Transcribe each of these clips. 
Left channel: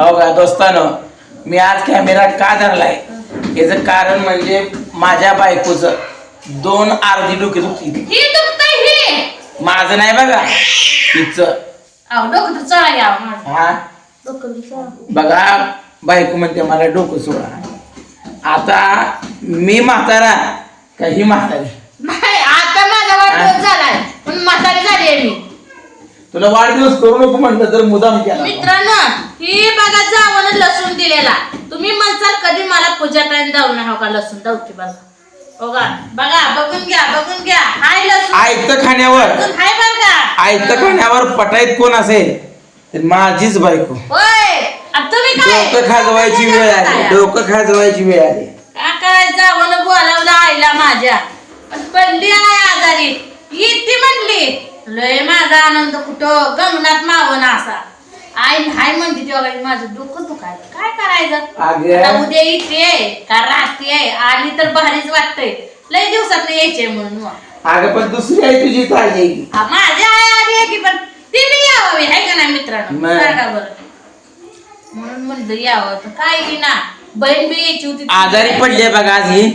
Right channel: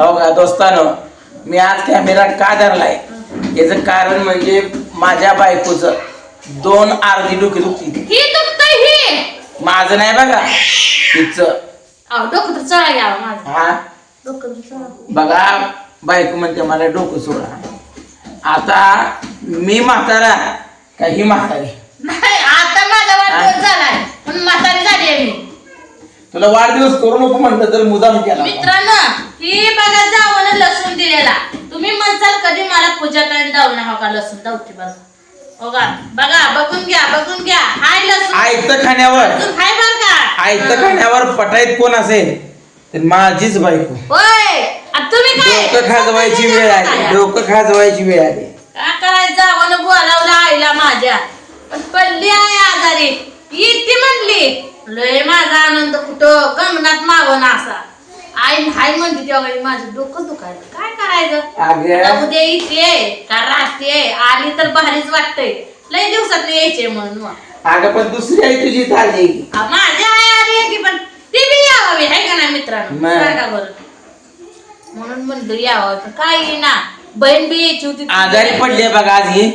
हो का दोस्तानो मी आज कॅमेरा का धरलाय? याचं कारण म्हणजे माझ्या बायकोचं दोन अर्धी डोकी दुखती ही दुखतंय ही! माझं नाही बघा तिचं अहो डोकं तर चळा घ्यावं माझं. हा? डोकं तर चळा बघा बायको म्हणते मला डोकं सोडा. आता मी म्हातारा का ही म्हातारी? नाही आता माझा वाढदिवस झालाय. म्हणून म्हातारी झाली आहे मी. तुला वाढदिवस करू नको म्हणलं तर मुदाम केला. मित्रांनो ही बघा जावं लसूण दिलेला. तुम्ही म्हणसाल कधी मला पूजात जाऊ नका का लसूण? दावते बघा बघा बघा बघून घ्या बघून घ्या. हाय लसूण. आयत खाण्यावर. हाय बरं का? आयत खाण्यावर पटाईत कोण असेल? तर माझीच बायको. होय. तुम्ही डोकं खाजवायची वेळ आली. डोकं खाजवायची वेळ आली. काय जावं बोलावलं आईला माझ्या. पण पडली आहे आजारी. येते म्हणली. लय माझा आनंद कुठं? गंगनात मावं ना असा. आई हाय म्हणते तेव्हा माझं डोकं दुखायचं काय करायचं. आता उद्या येते का राहते आली तर भारीच वाटतंय. लय दिवसात यायचे म्हणून. अगं पण दुसरी आई तुझी आ, माझी आई आली आहे की पण ती बी यावी आहे का नाही मित्रांनो? मग. सांगा बरं. म्हणून म्हणलं यावं तर काय ना बहीण बी यायची होती. आजारी पडले बघा आज ही.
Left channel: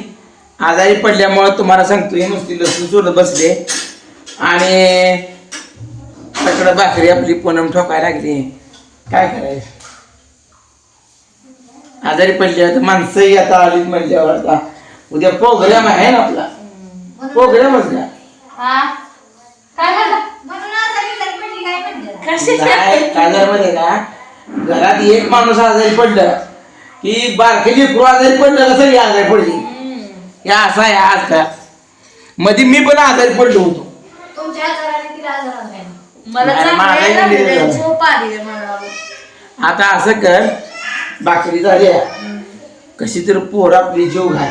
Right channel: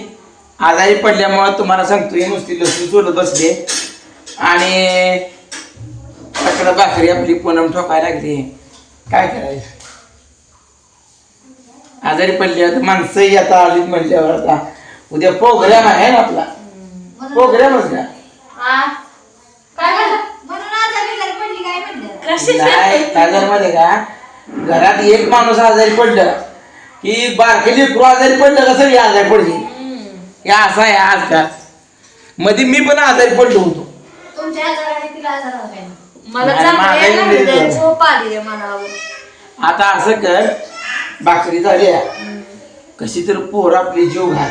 आजारी पडल्यामुळे तुम्हाला सांगतो ही नुसती लसूण सोडत बसले आणि पकड भाकरी आपली पूनम ठोकायला लागली. काय करायचं? आजारी पडल्यावर तर माणसंही आता आली म्हणल्यावर आता. उद्या प्रोग्राम आहे ना आपला. प्रोग्रामच? काय म्हणलं? कशी नाही मध्ये का? घरात एक माणूस आजारी पडलं की बारके लेकरू आजारी पडलं कसं हे आजारी पडली? हे असं आहे आज का? मध्ये मी पण आजारी पडलो होतो. मला नाही, माझा चांगली इंग्रजी लागली, झाला. झोप आली आहे मला आता असं कर भाकरी झाल्या. कशी तर पोर आपली जीव घाल.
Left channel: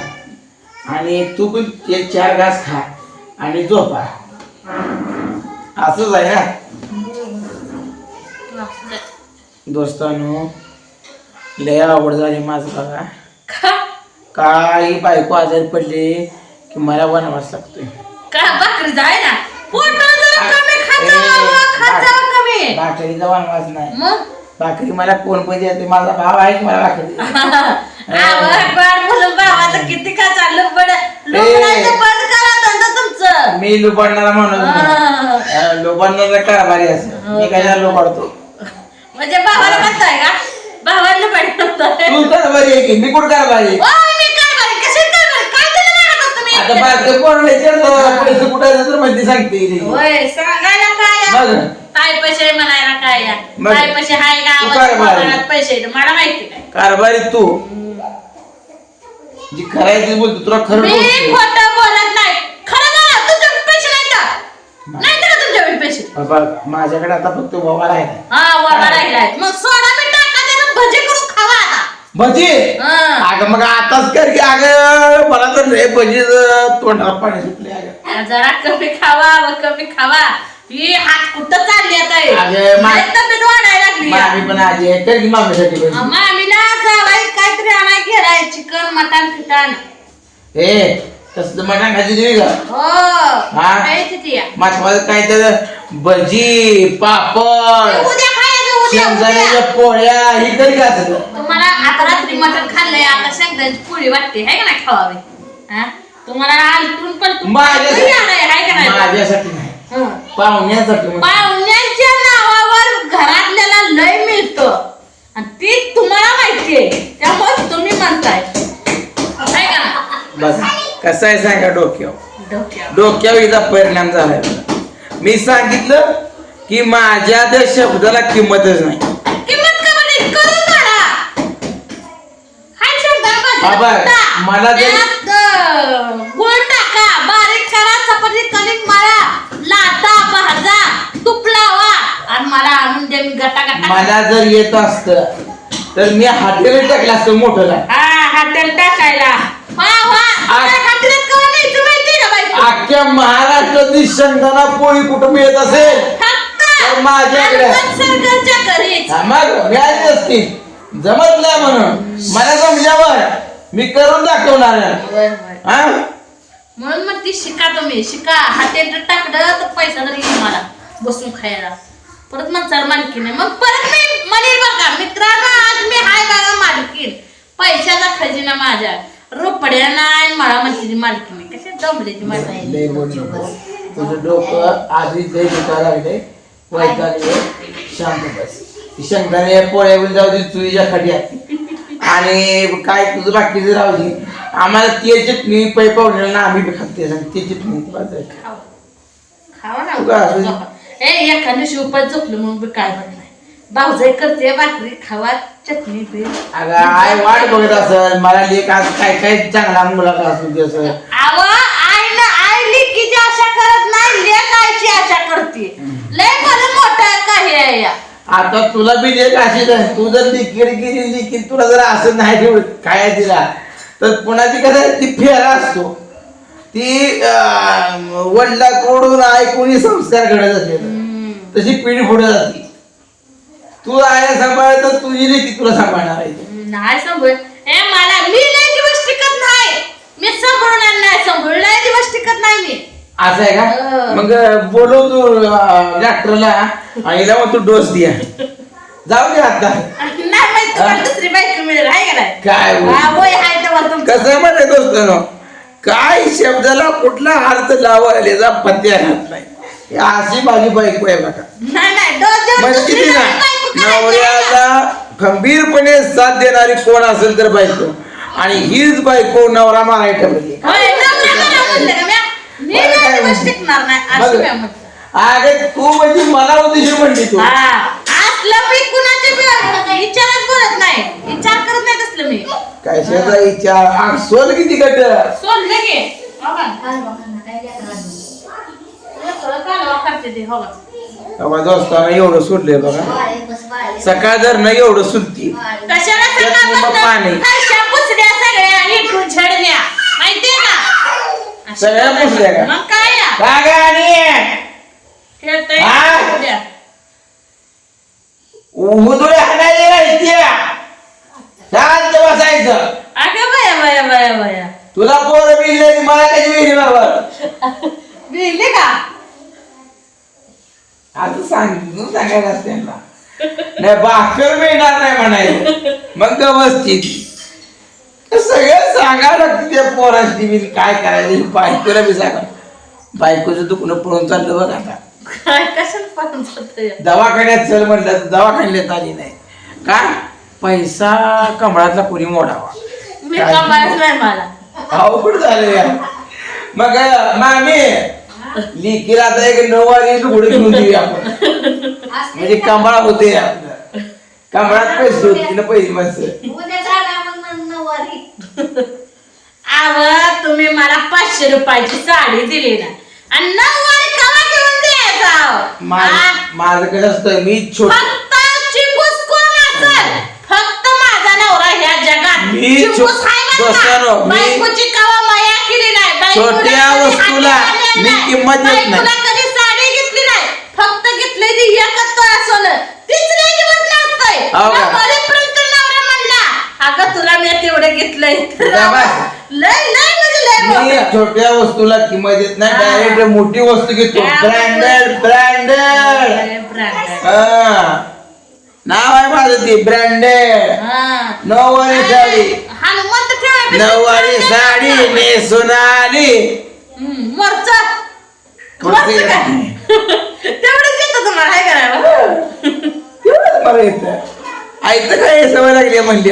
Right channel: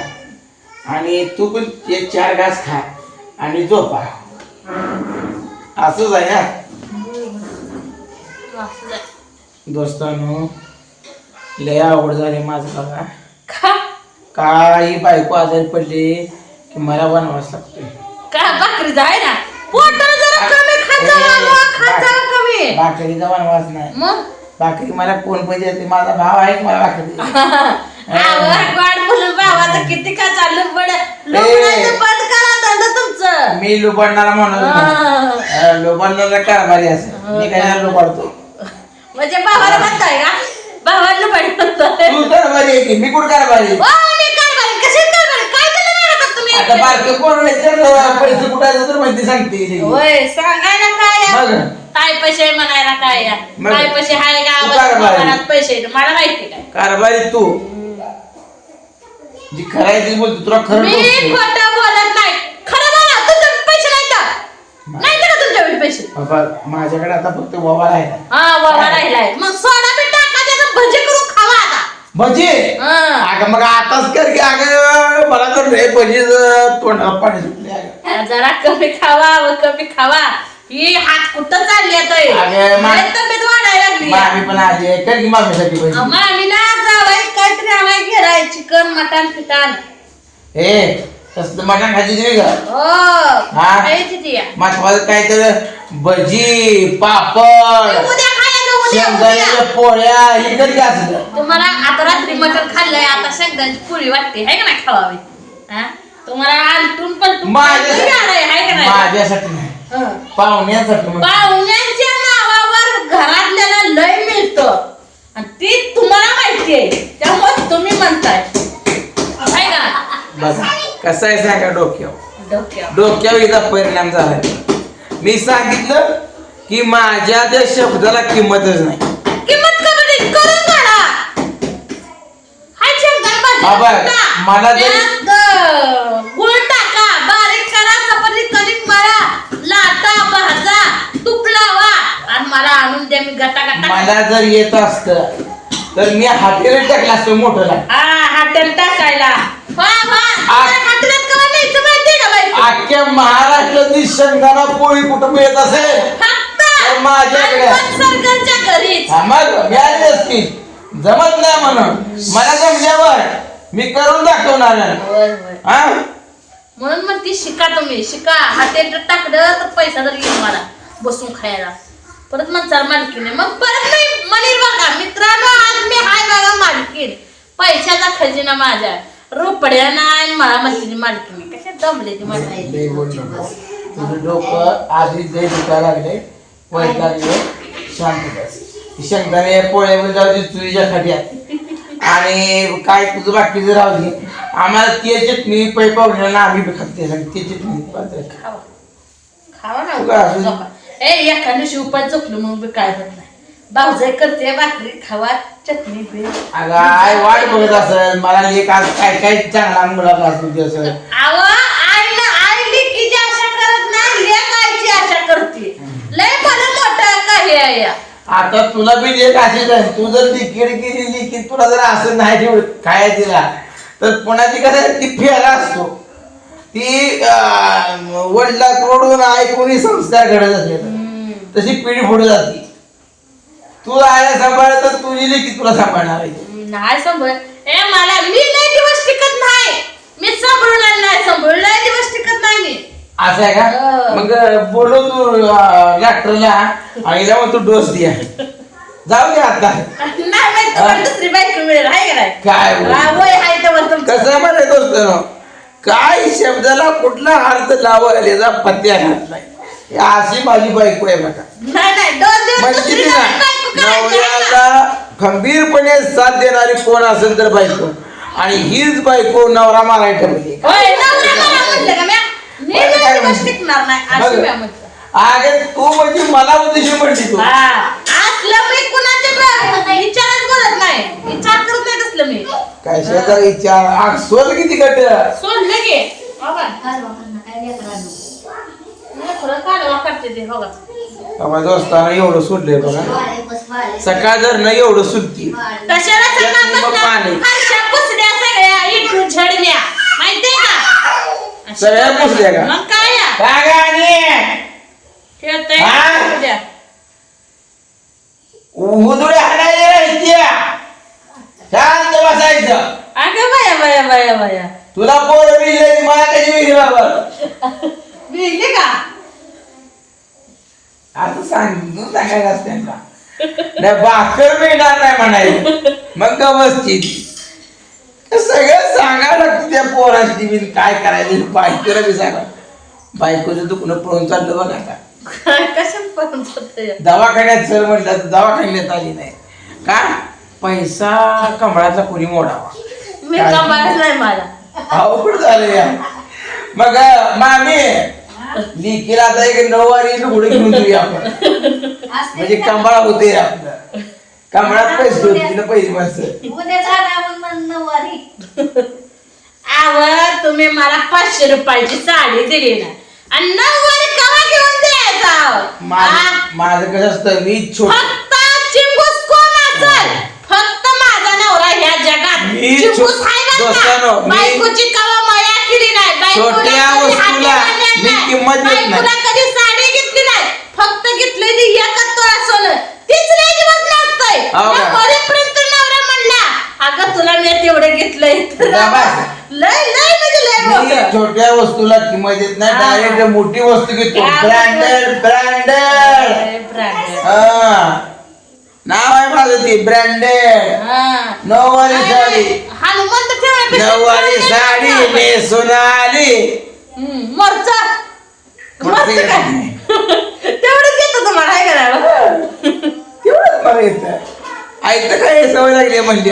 आणि तू पण एक चार घास खा आणि झोपा. असंच आहे हा? दोस्तानो लय आवड झाली माझं बघा. का? काही बायको आजारी पडली की मला बनवास लागते काय भाकरी जाय ना? पोट जरा कमी खात जावं, खात जावं कमी. भाकरीचा वनवास नाही. मग? भाकरी मला कोण पाहिजे ते माझा भाव आहे की मला भाकरी आवड मुलं भावाचं किती का चाललं बंद करा धंदा तुमचं. मी लुबाडणारा नाही. हा. लुबाडणारा कारभारी असं मी काय लुबाडतो? म्हणजे भावाला म्हणताय का? भावाला म्हणताय. तू कारभारी आहे की? मी कुठं कारभारी आहे? ओ, मी कारभारी कशी कारभारी काय केलं मारतात तुम्ही आता बारके कोण विचारलं पैसे कुठं आहे तर माहिती सांगते. होय सांगायला काय मग? काय पैसे म्हणायला काय या? मग? काय पैसे हाय का तू. घरात पैसे आहेत. मला माहिती काय? कारभारी तू. जी करायची बोलतो तुला खरं मी बोलतो खोटं बोलत नाही. खरं बोला तुमचे पैसे नाही का? नाही का तुमच्याकडे पैसे? बाबा माझ्याकडे आता फक्त बाबा राहिला हा वरा राहिलाय भजी? हा. अगं मग आताच कर की अगं मला तर लय भजी तोंडाला पाणी सुटले अगं. जरा कमी खावा व कमी खावा. ही हात कुठं चालली आता हे? अगं, मा- लय तब्येत वाढायला लागली. मामी पण आजी आहे. कर की मामीसाठी भजी. मामीला जावाय काहीतरी आणाय चिकन मटण फिटण ए तसं मटण खायची तुम्ही का हो. हा? खायची ती या. काय तर भजी पापड. उद्या शेंगदाण्याच्या पोळ्या ही कधी असं तुम्हाला आता रात्री मटण खाल्लंय आता शेंगदाण्याची पोळी वाटते है का नाही खावावी हा? तुम्हाला आलटून पलटून माझ्या- काहीतरी आलंय, है का नाही माझ्यासाठी नाही हं. पाहुण्यासाठी. पाहुण्यांच्या नावावर घरातल्याला लय मिळतं आणि ती तुम्हाला माहितीये त्यामुळे तुम्ही म्हणताय है का नाही? बघा कसं आहे सांगा डोक्यावर डोक्यावर. डोक्यावर हिचा परिणाम झालाय मी सांगितलं की माझ्या त्या शब्दाला किंमतच नाही. किंमत कमी करून काढा. हाय शेंगदाणा भाजी बाबा. मला जरी- गुळ टाका. बारीक करा चपाती कणिक मळा. लाटा भाजा तूप लावा आणि मला आणून द्या मी गटा गटा मला जर येत असत तर मी हाटेला टाकलं असतं मोठं हा हॉटेल टाकायला. वा वा. आ- का बाई? अख्ख्या महाराष्ट्रातली पोळी कुठं मिळत असेल? माझ्याकडे. घरीच हा, मग मिळाली असती जमत नाही म्हणून. मला जमल्यावर मी करून दाखवणार आहे. होय होय. हा? म्हणून मग ती शिका तुम्ही. शिका. हॉटेल टाकलं तर पैसा तरी येईल मला बसून खायला. परत मग चार मालकी नाही मग परत नाही. म्हणेल बघा मित्रांनो आज मालकिना. माझ्या रोपड्या नाही मला म्हणते मालकीने. कशा दमले ती मला लय बोल नको. तुझं डोकं आधीच लय दुखायला लागले वैतागले शांत बस. ती शंकराने पोळ्या बिल जाऊ दे तुझ्या खड्यात आणि काय तुझं बाकीचं राहू दे. आम्हाला ते चटणी पै पावडर ना आम्ही बी खाते ते चटणी. खावा ना ए एखाद्या उपाय झोपलो म्हणून बी काय पण नाही. भाऊजाई करते भाकरी खावा चटणी पे अगं आय वाट बघत असेल. मला लेख आज काय काय चांगला मुलाखत असू दे असं आव आई ना आई लिकीची आशा करत नाही लेक आईची आशा करते लय मला मोठं काही आहे या आता तुला बी अशीच आहे. तू जर लिकीड गेली लिकीड तुला जर असं नाही ठेवत काय तिला? तर पुन्हा ती कसं ती फेरा असतो. ती वडिलाकडून ऐकून संस्कार घडत असेल तशी पिढी पुढे जाते. तू आया सांभाळ तर तुझी लेखी तुला सांभाळणार आहे. नाही सांभाळ. ए मला मी लय दिवस टिकत नाही. मी सांभाळणार नाही. सांभाळ लय दिवस टिकत नाही मी. असं आहे का. मग बोलव तू डॉक्टरला आणि लावून तू डोस द्या जाऊ दे आता. नाही माहीत तुम्हाला दुसरी बायको मिळेल आहे का नाही? काय बोल. हा, वय आहे तेव्हा तुमचं. कसं काय शब्दाला कुठला अर्थ लावायला याचा पत्त्या घात नाही. ही अशी माझी बायको आहे बघा. नाही नाही दोन दिवस म्हणजे दुसरी किती ना नवीन बायको करायची आहे ना. नवऱ्याला खंबीरपणे साथ देणारी कोण असेल तर बायको. आणि हीच बायको नवरा मारायला ठेवली. होय, नवरा मला म्हणलं का? म्या? मी काय म्हणते? टिकणार नाही बघ. तू म्हणजे मला उद्देश म्हणली तू हा, असलं मी कुणाच्या बी- विचारच बोलत नाही विचार करत नाही तसलं मी कशाचा विचार आग सोल किती कट सोडलं की हो का? लेकरं कालवा करते ते, हो का? दोस्ताना एवढं सोडलंय बघा सकाळ जर नाही एवढं सुटकी कशाला त्यात निम्मं सकाळपासनं पाणी. फरशा पुसल्या सगळ्या इकडून झडल्या माहितीये का अशी सगळ्या. पुसल्या का? मग काय या? काय गं आणि खेळतोय हा? उद्या. उदुळे हाणायला राहायच्या शांत बसायचं अगं बाया बाया बाया बाया तुला पोरं बिजली मला कशी बाबा बिगली का असं सांगितलं सांगायचं असते नाही भाकर मिळणार नाही म्हणायचं मग बसची सगळं सांगायला लागतं त्या पोराची मी काय करायचं? बायकोला बी सांगा. बायकोचं दुखणं पळून चाललं बघ आता. काय कशाला पाहून जातोय दवाखान्यात चल म्हटलं तर दवाखान्यात आली नाही. का? पैसा कमळातला कोणी मोडावा. मी कमालच नाही मला अवघड झालं या मग मामी लिकीला आता एक नऊवारी लुगडे घेऊन देऊया आपण. म्हणजे कमळा होते आपलं. कमळात पैसे होते ना पैसे माणसं आव तुम्ही मला पाचशे रुपयाची साडी दिली ना आणि नऊवारी कवा घेऊन द्यायचा? माझं? माझं कसं असतं मी छोट फक्त चिंबूस कोण असेल फक्त माझा नवरा ह्या जगात मी चिंबूस छो- आहे बरं दोस्तानो, का? मी- बायकोची कवा माया केली नाही बायकोला छोट्या कधी वस्तूला हात मी नाही. किंमत देत नाही. बायकोला कधी साडी घेतली नाही फक्त घेतलेली एकच तोळा सोनं तीच लय दिवस लागतंय हो का? या मरेपर्यंत नवरा म्हणला अगं तुला मी तेवढं घेतलंय. लय लय म्हणजे लय मी मोठं. छोट्या वस्तूला किंमत देत नाही हा. डायरेक्ट मोठी वस्तू घेतो. हा, ब्रँडेड ब्रँडेड. लय branded. नाव आहे माझं ते ब्रँडेड. हा. नऊवारी साडी. हनुमंत ठेवायपेक्षा नऊवारी branded साडी ठेवायचं. नेसून आली हम्म, मरच. मरचं मरचं येत काय. तेवढंच येतं तुम्हाला काय करायला तेवढंच मला येतं. ऐकतं काय सवय लागली म्हणजे